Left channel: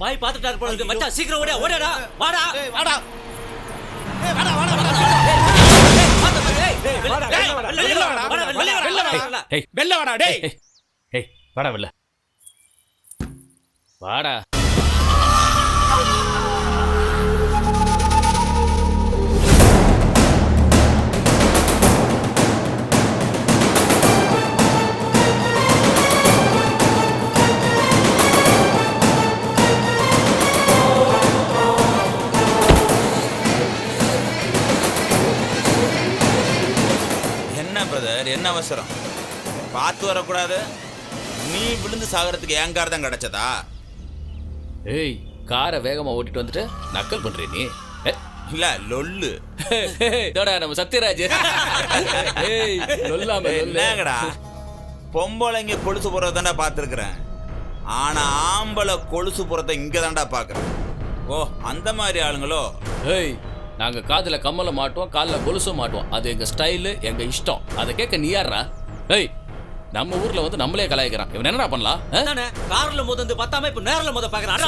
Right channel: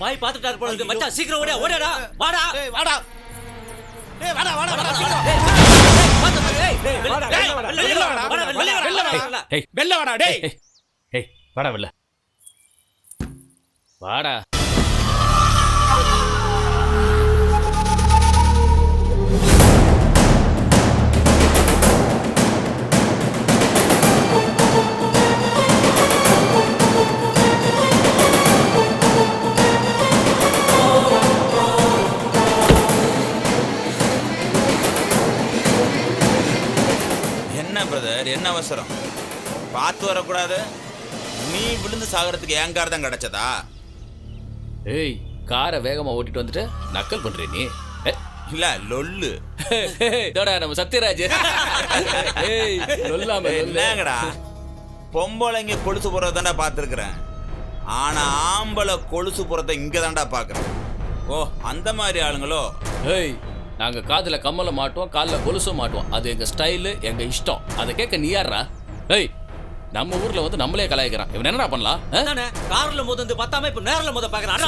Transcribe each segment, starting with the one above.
பாய் பாத்துட்டாரு போல இருக்கு மச்சான். சீக்கிரம் ஓடியா ஓடியாடா. வாடா வாடா. ஏய் வாடா வாடா வாடா. வெள்ள வாடா டேய். ஏய் வாடா வெள்ள வாடா. என்ன பிரதர், என்ன அவசரம்? பார்த்து வரக்கூடாது? நீ விழுந்து சாகிறதுக்கு என் கார் தான் கிடைச்சதா? ஏய் காரை வேகமா ஓட்டிட்டு வந்துட்டு நக்கல் பண்றே நீ. இல்ல லொல்லு. இதோட நம்ம சத்யராஜ். ஏய் லொல்லாம என்னங்கடா, பொம்பளைங்க கொலுசு போறத தாண்டா பார்த்துருக்குறேன். ஆனா ஆம்பளை கொலுசு போறத இங்க தாண்டா பார்க்குறேன். ஓ அந்த மாதிரி ஆளுங்களோ? ஏய் நாங்க காதுல கம்மல மாட்டோம், காலில் கொலுசும் மாட்டோம். அது எங்க ஸ்டைலு, எங்க இஷ்டம். அதை கேட்க நீ யாரா? ஏய் நம்ம ஊர்ல வந்து நம்மளே கலாய்க்கிறான். இவன் என்னடா பண்ணலாம்? கார்ல மோதந்து பத்தாம இப்ப நேர்ல மோத பாக்குறான்.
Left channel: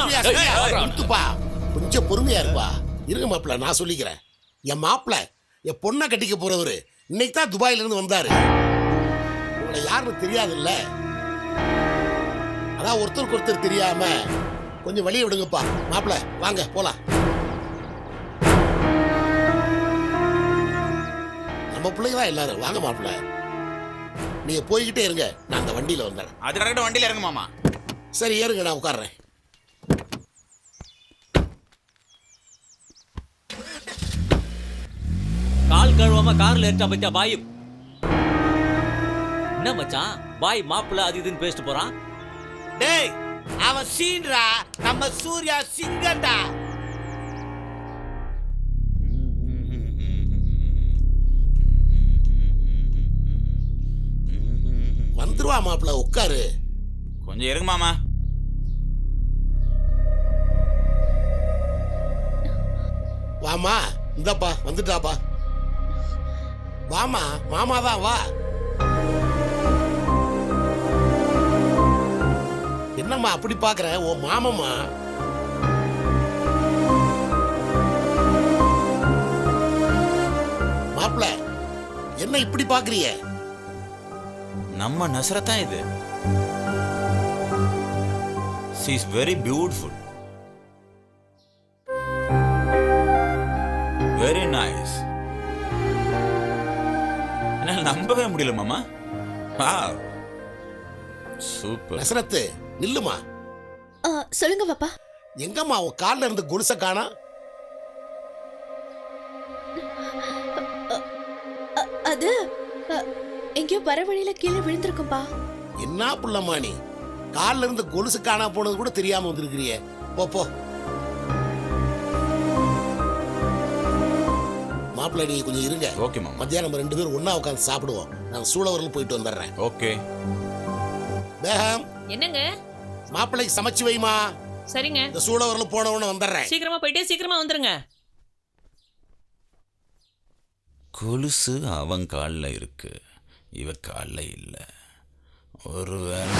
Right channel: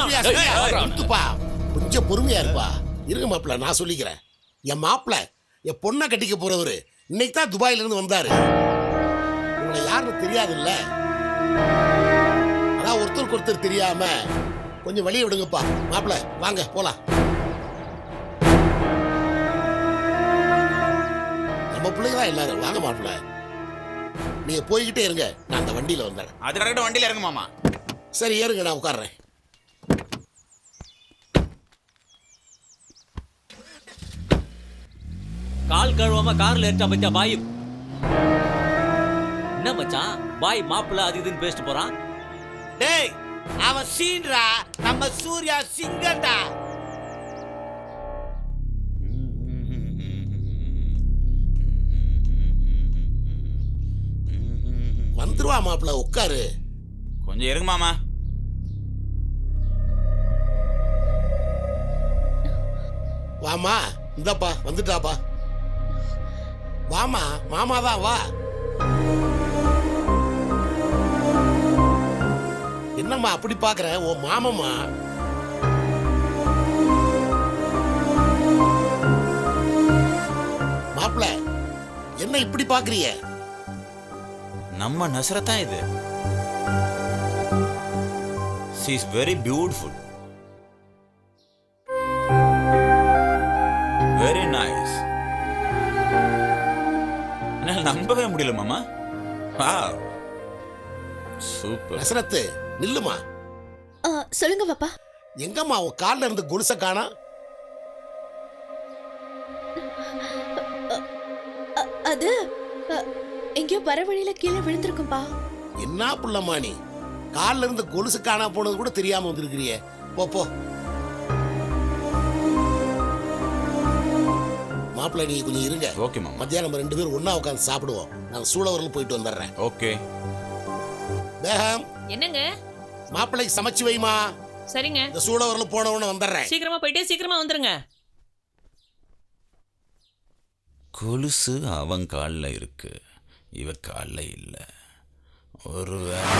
கொஞ்சம் பொறுமையா இருப்பா. இருங்க மாப்பிள்ள, நான் சொல்லிக்கிறேன். என் மாப்பிள்ள என் பொண்ணை கட்டிக்க போறவரு இன்னைக்கு தான் துபாயில இருந்து வந்தாரு. உங்களை யாருன்னு தெரியாதுல்ல, அதான் ஒருத்தருக்கு ஒருத்தர் தெரியாம கொஞ்சம் வழிய விடுங்கப்பா. மாப்பிள்ள வாங்க போலாம். நம்ம பிள்ளைங்க தான் எல்லாரும். வாங்க மாப்பிள்ள, நீங்க போய்கிட்டே இருங்க, நான் அந்த வண்டியில வந்தேன். அது கரெக்டாக வண்டியில இறங்கு மாமா. சரி ஏறுங்க, நான் உட்கார்றேன். கால் கழுவாம கார்ல ஏற்றா பத்தியா பாய். என்ன மச்சான், பாய் மாப்பிள்ள அது இதுன்னு பேசிட்டு போறான். டேய் அவன் சீன்றா, நம்ம சூர்யா சிங்கண்டா. வந்துருவா மாப்பிள்ள, உட்காரு. கொஞ்சம் இருங்க மாமா. வாமா, இந்தப்பா வந்துட்டாப்பா. வாமா, மாமா தான் வா. என்னம்மா அப்படி பாக்குற? ஓ மாமம்மா. மாப்பிள்ள என்ன இப்படி பாக்குறீங்க? நம்ம நசரத் தான் இது. she is very beautiful, very nice. என்னால நம்பவே முடியல மாமா. Wow super. நசரத்து நில்லுமா. சொல்லுங்க பாப்பா. எங்கம்மா உன் கால்ல இருந்து கொலுச காணோம்? அது எங்கேயோ வர வழியில கீழே விழுந்திருக்கும்பா. என்ன புள்ளம்மா நீ, கால்ல இருந்து கொலுசு காணா போனது கூட தெரியாம வந்திருக்கிறியே. போ போ. மாப்பிள்ள நீ கொஞ்சம் இருங்க. ஓகே மாமா. மத்தியானம் நம்ம 2 பேரும் ஒண்ணா உட்காந்து சாப்பிடுவோம். நான் சூளவரில் போயிட்டு வந்துடுறேன். ஓகே. பேகம் என்னங்க? மாப்பிள்ளைக்கு சமைச்சு வைமா. சரிங்க. இந்த சூளவரில் போன உடனே வந்துடுறேன். சீக்கிரமா போயிட்டு சீக்கிரமா வந்துருங்க. கொலுசு அவன் காலில் இருக்கு, இவ காலில் இல்லை. ஒருவேளை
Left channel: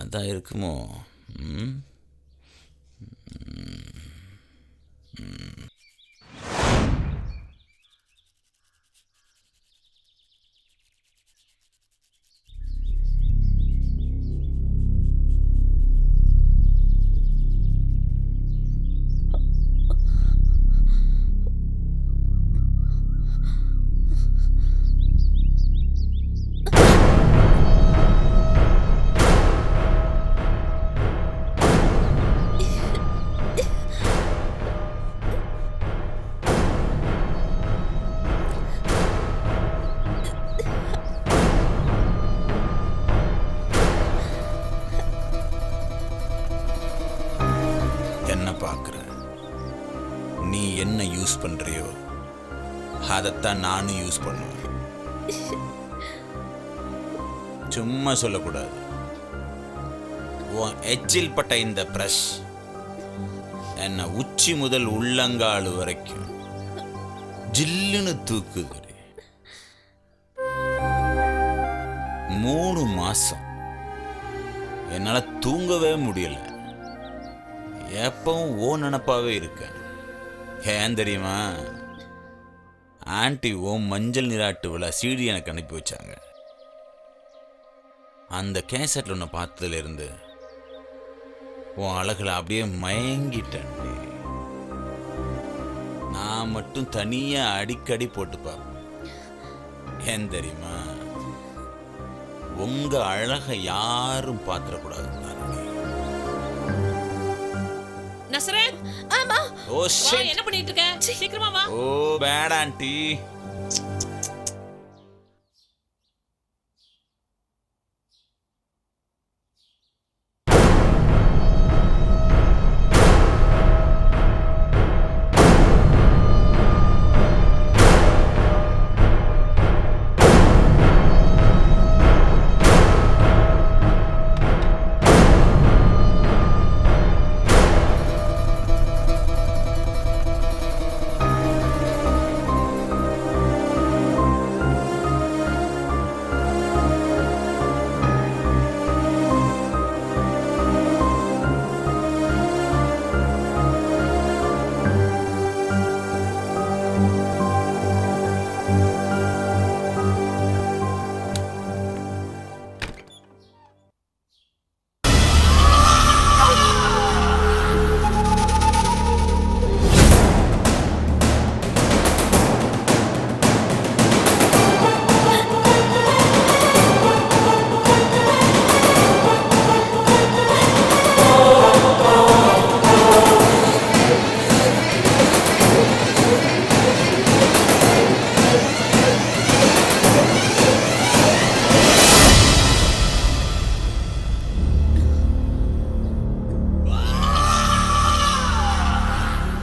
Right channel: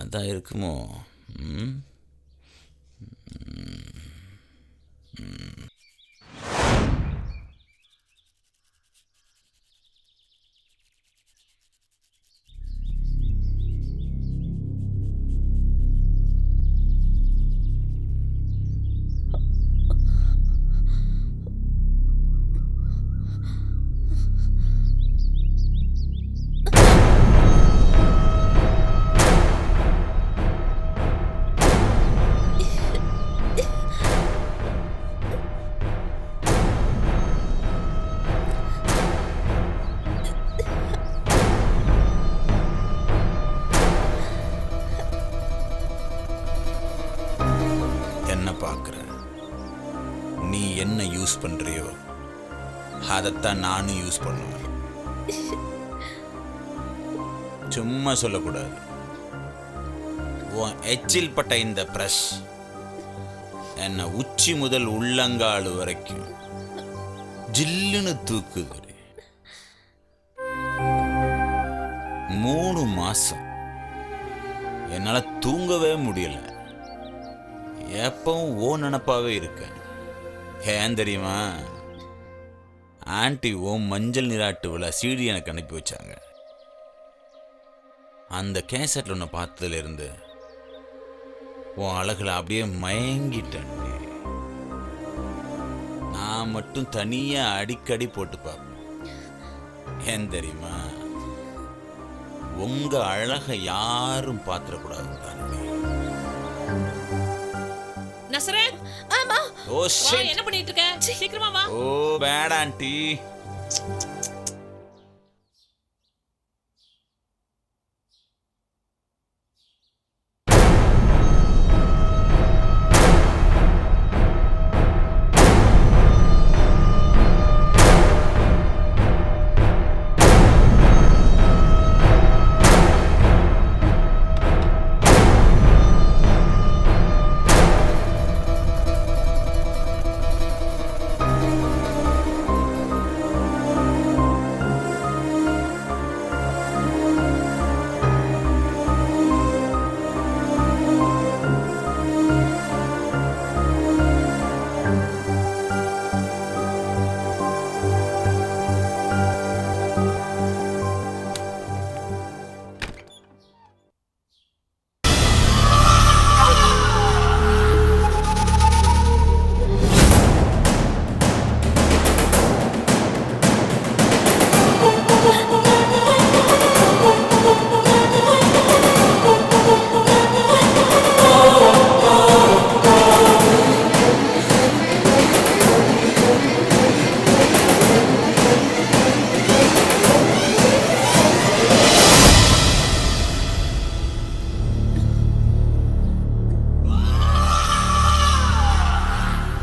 அதான் இருக்குமோ? என்ன பார்க்குற? நீ என்ன யூஸ் பண்றியோ அதைத்தான் நானும் யூஸ் பண்ணுவேன். சும்மா சொல்லக்கூடாது. உன் எச்சில் பட்ட இந்த பிரஷ் என்ன உச்சி முதல் உள்ளங்கால் வரைக்கும் ஜில்லுன்னு தூக்குகிறேன். 3 மாசம் என்னால் தூங்கவே முடியல. எப்பவும் ஓ நினப்பாவே இருக்கேன். ஏன் தெரியுமா? ஆன்ட்டி ஓ மஞ்சள் நீராட்டு விழா சீடி எனக்கு அனுப்பி வச்சாங்க. அந்த கேசட்டில் ஒன்று பார்த்ததுலேருந்து உன் அழகில் அப்படியே மயங்கிட்டேன். நான் மட்டும் தனியாக அடிக்கடி போட்டு பார்ப்பேன். ஏன் தெரியுமா? உங்க அழகை யாரும் பார்த்துடக்கூடாதுன்னு தானே. நசரத், ஆமா ஓ வா, ஷிட். என்ன பண்ணிட்டு இருக்க? சீக்கிரமா வா. ஓ பேட் ஆன்ட்டி.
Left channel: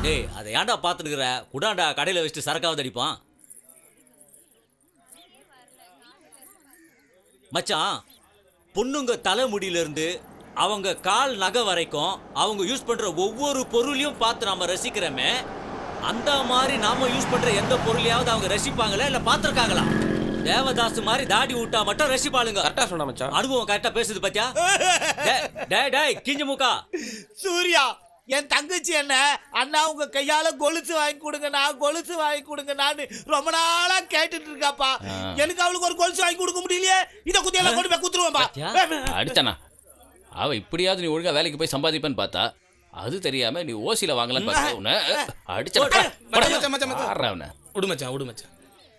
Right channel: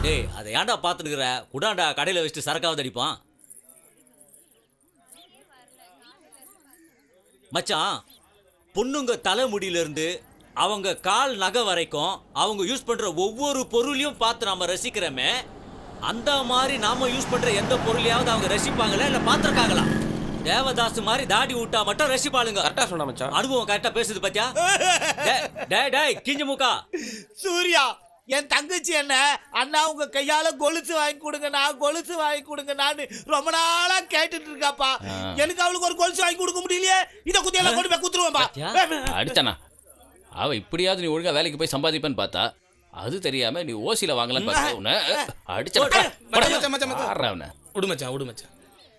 டேய் அதை ஏன்டா பார்த்துருக்குற? குடாண்டா கடையில் வச்சுட்டு சரக்காவது அடிப்பான். மச்சான், பொண்ணுங்க தலைமுடியிலிருந்து அவங்க கால் நகை வரைக்கும் அவங்க யூஸ் பண்ற ஒவ்வொரு பொருளையும் பார்த்து நாம ரசிக்கிறோமே, அந்த மாதிரி நாம யூஸ் பண்ற எந்த பொருளையாவது அவங்க ரசிப்பாங்களா இல்ல பார்த்துருக்காங்களா? தேவதாஸ் மாதிரி தாடி விட்டா மட்டும் ரசிப்பாளுங்க. கரெக்டா சொன்னா மச்சான். அனுபவம் கரெக்டா பேசுது பாத்தியா? டேய் டேய் கிஞ்ச மூக்கா, சூர்யா, என் தங்கச்சி என்ன அண்ணா உங்க கையால கொலுசு வாங்கி கொடுங்கண்ணா, கொலுசு வாங்கி கொடுங்கண்ணான்னு ரொம்ப நாளா கேட்டுட்டு இருக்காப்பா. எனக்கு அவளுக்கு ஒரு கொலுசு வாங்கி கொடுக்க முடியலையே. இத குத்தியெல்லாம் கொண்டு போய் குத்துருவேன்பா. அடிச்சானா? அவ இப்படியாவது நீ ஒழுங்கா வேலைக்கு போய் சம்பாதிப்பேன்னு பார்த்தா, அது தெரியாம நீ ஓசியில வாங்கலான்னு பார்த்தா உன்னை அடிச்சா. விடு மச்சான்.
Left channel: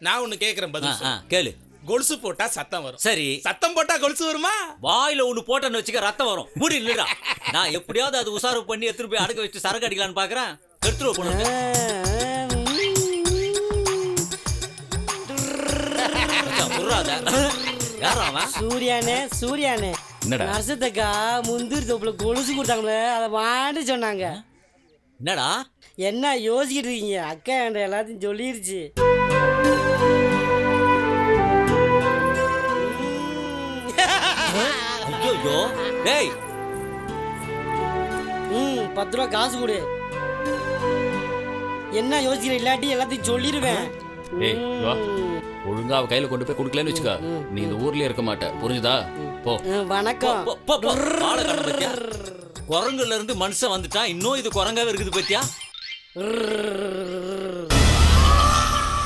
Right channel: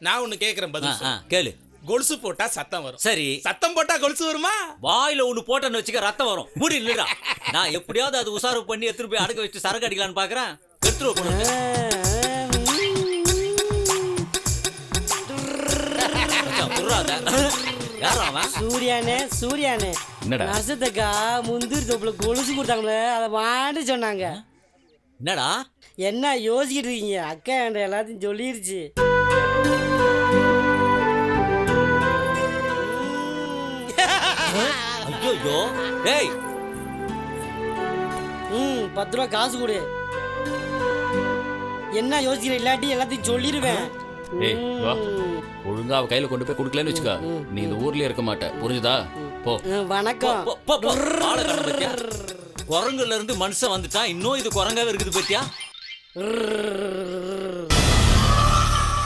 நான் ஒண்ணு கேக்குறேன், பதில் சொல்லு. கேளு. கொலுசு போட்டா சத்தம் வரும். சரி, சத்தம் போட்டா கொலுசு வருமா? வாயில ஒண்ணு போட்டேன்னு வச்சுக்க ரத்தம் வரும். முடி இல்லடா. நான் எப்படியாவது அது உசாரு பண்ணி எடுத்துட்டு போய் அடக்க வச்சு சரக்கு அடிக்கலான்னு பாக்குறேன். எடுத்துருவ பொண்ணு. யாரா அவன்? சூர்யானே என்னடா? நர்சத்தக்கா முந்திரி தோப்புல கொலுசு கொடுத்தாங்களே, அதை வாண்டி சொன்னாங்க. என்னடா என்ன யோசிக்கிட்டு இருக்கீங்க? அக்கா என்ற எல்லாத்தையும் சொல்லிருச்சு. ஐயோ டேய், 10 ரூபா காசு கொடு. என்ன யோசிக்கிற? இல்லாட்டி எல்லாத்தையும் சொல்லிடுவேன். ஏய் வா, ஒழுங்கா அவ கையில கொண்டு போய் கொடுக்கலன்னு வச்சுக்கா, நீ இந்த ஊர்லயே இருக்க மாட்ட. புரிஞ்சுதா? போ. வணக்கம். ஆளை கண்ண பத்தியா? குரங்குல இருந்து மனுஷன் வந்துட்டான். இன்னும் இது குரங்காவே இருக்குது பத்தியா?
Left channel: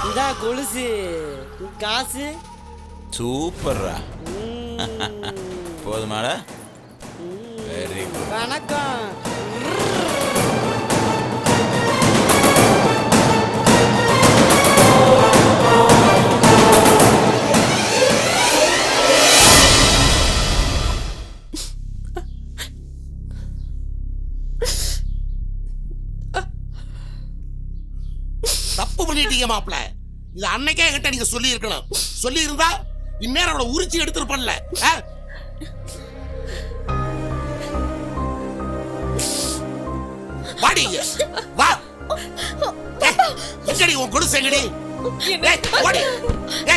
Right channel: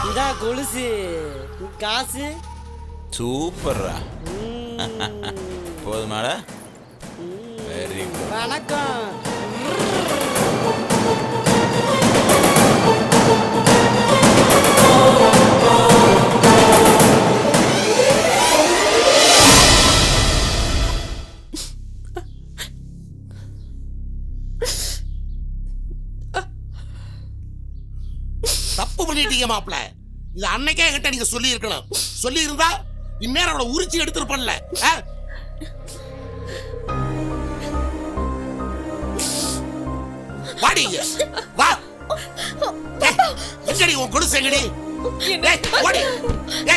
இந்தா கொலுசு காசு. சூப்பர்ரா. போதுமாடா? Very good. வணக்கம். தப்பு பண்ணிட்டீங்க மாப்பிள்ள. இது அன்னைக்கே கிட்ட நீங்க சொல்லி இருக்கணும். சொல்லி இருந்தா இந்நேரம் அவளை உரிச்சு எடுத்துருப்பல. வாடிங்க வா. எங்கடி உன் கொலுசு எங்கடி? வாடி.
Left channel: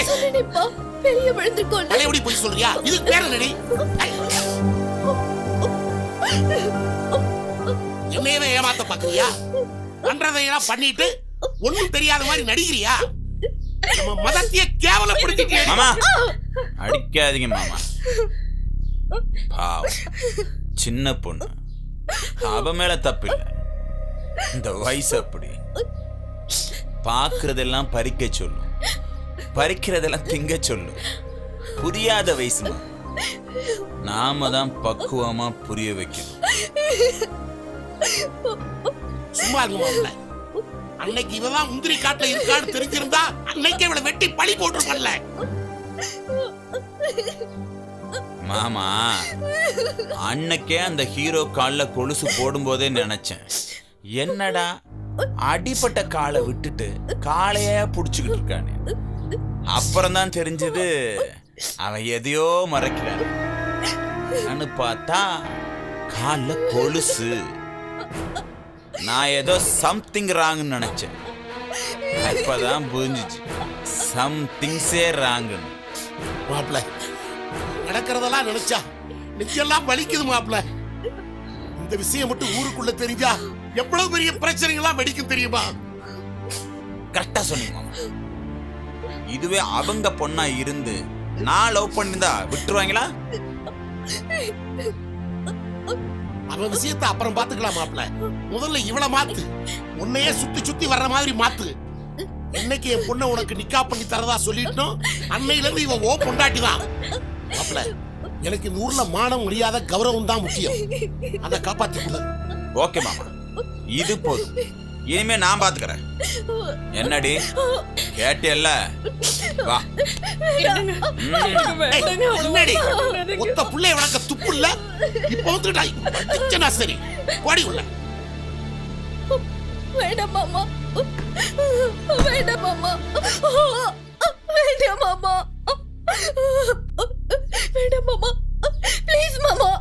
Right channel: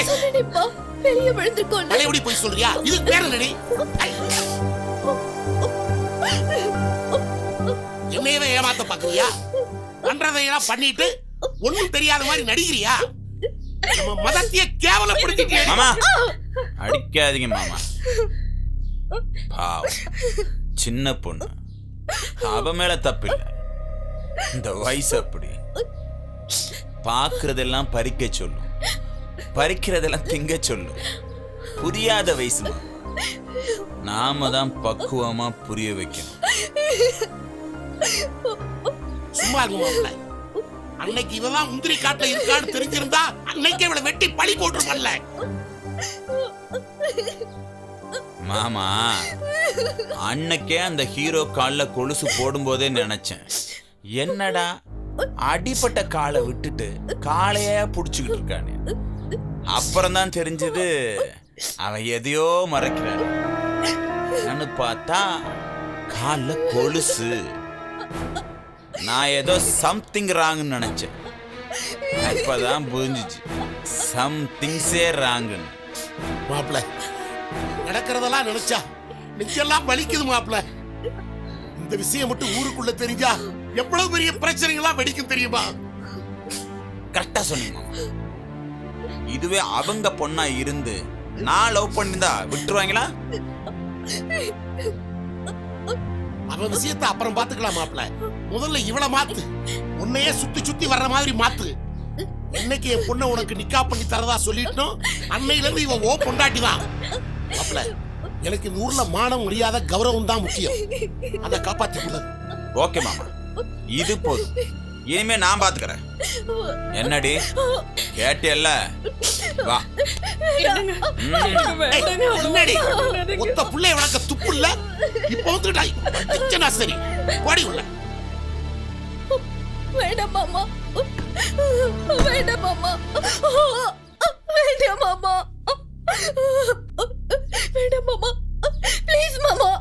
சொல்லுப்பா, வெளிய விழுந்துருக்கோம். பழையபடி போய் சொல்றியா? இது பேர் என்னடி? என்னையவே ஏமாத்த பாக்குறியா? பண்றதையெல்லாம் பண்ணிட்டு ஒண்ணும் தெரியாத மாதிரி நடிக்கிறியா? நம்ம மதத்தையே கேவலப்படுத்திட்டே. மாமா அடிக்காதீங்க மாமா. பாவம் சின்ன பொண்ணு, அவ மேல தப்பில்லை. இந்த வயசு அப்படி பார்க்கறதெல்லாம் பறிக்க சொல்லும், பறிக்கிறதெல்லாம் திங்க சொல்லும். புரியாத வயசுமா, நாம தான் பக்குவமா புரிய வைக்கணும். சும்மா இருங்க மாப்பிள்ள. அன்னைக்கு இவதான் முந்திரி காட்டுல இருக்கான்னு தெரிஞ்சிருந்தா அன்னைக்கு இவளை வெட்டி பழி போட்டுருப்பல்ல. மாமா, அன்னைக்கே அந்த ஹீரோ கால்ல கொலுசு போடும்போதே நினைச்சேன், என்னடா அடிப்பட்ட காலை விட்டுட்டு காலையே புடிச்சுக்கிட்டு இருக்கானே. அப்புறம்தான் தெரிஞ்சது அவன் எதையோ மறைக்கிறான்னு. பார்த்தா கால்ல கொலுசு. நான் ஏதோ சம்திங் ராங்னு நினைச்சேன். அப்பதான் புரிஞ்சிச்சு சம்திங்ஸே ராங்குன்னு. மாப்பிள்ள, நடக்கிறதெல்லாம் நினைச்சா நெஞ்செல்லாம் வலிக்குது மாப்பிள்ள. இந்த விஷயம் மட்டும் ஊருக்குள்ள தெரிஞ்சா எவ்வளவு பெரிய பிரச்சனைகள்லாம் வெடிக்கும் தெரியுமா? கரெக்டா சொன்னீங்க மாமா. இதுவே அவங்க பொண்ணா இருந்து நான் லவ் பண்ணிருந்தா விட்டுருவாங்களா? அவன் விஷயத்தை அப்புறம் பாத்துக்கலாம் மாப்பிள்ள. முதல்ல இவளை மாத்து. உன்னையே சுத்தி சுத்தி வர்ற மாதிரி மாத்து. என்னைக்கு என் பொண்ணை உனக்கு நிக்கா பண்ணி தரதா சொல்லிட்டோம், அன்னையில இருந்து இவன் ஓ பொண்டாட்டி தான். மாப்பிள்ள, எனக்கு இந்த ஊர்ல மானம், மரியாதை, கௌரவம் தான் முக்கியம். அதை காப்பாத்தி கொடு. ஓகே மாமா, இது போதும். இனிமே நான் பாத்துக்கிறேன். என்னடி கேட்டியல்ல? வா. முன்னாடி ஒத்த புள்ளைய வளர்க்க துப்பு இல்ல. இப்ப வந்துட்டா சரி, பாடி உள்ள. வேண்டாம் மாமா, வேண்டாம் மாமா, வேண்டாம் மாமா, வேண்டாம் மாமா, ப்ளீஸ் மாமா.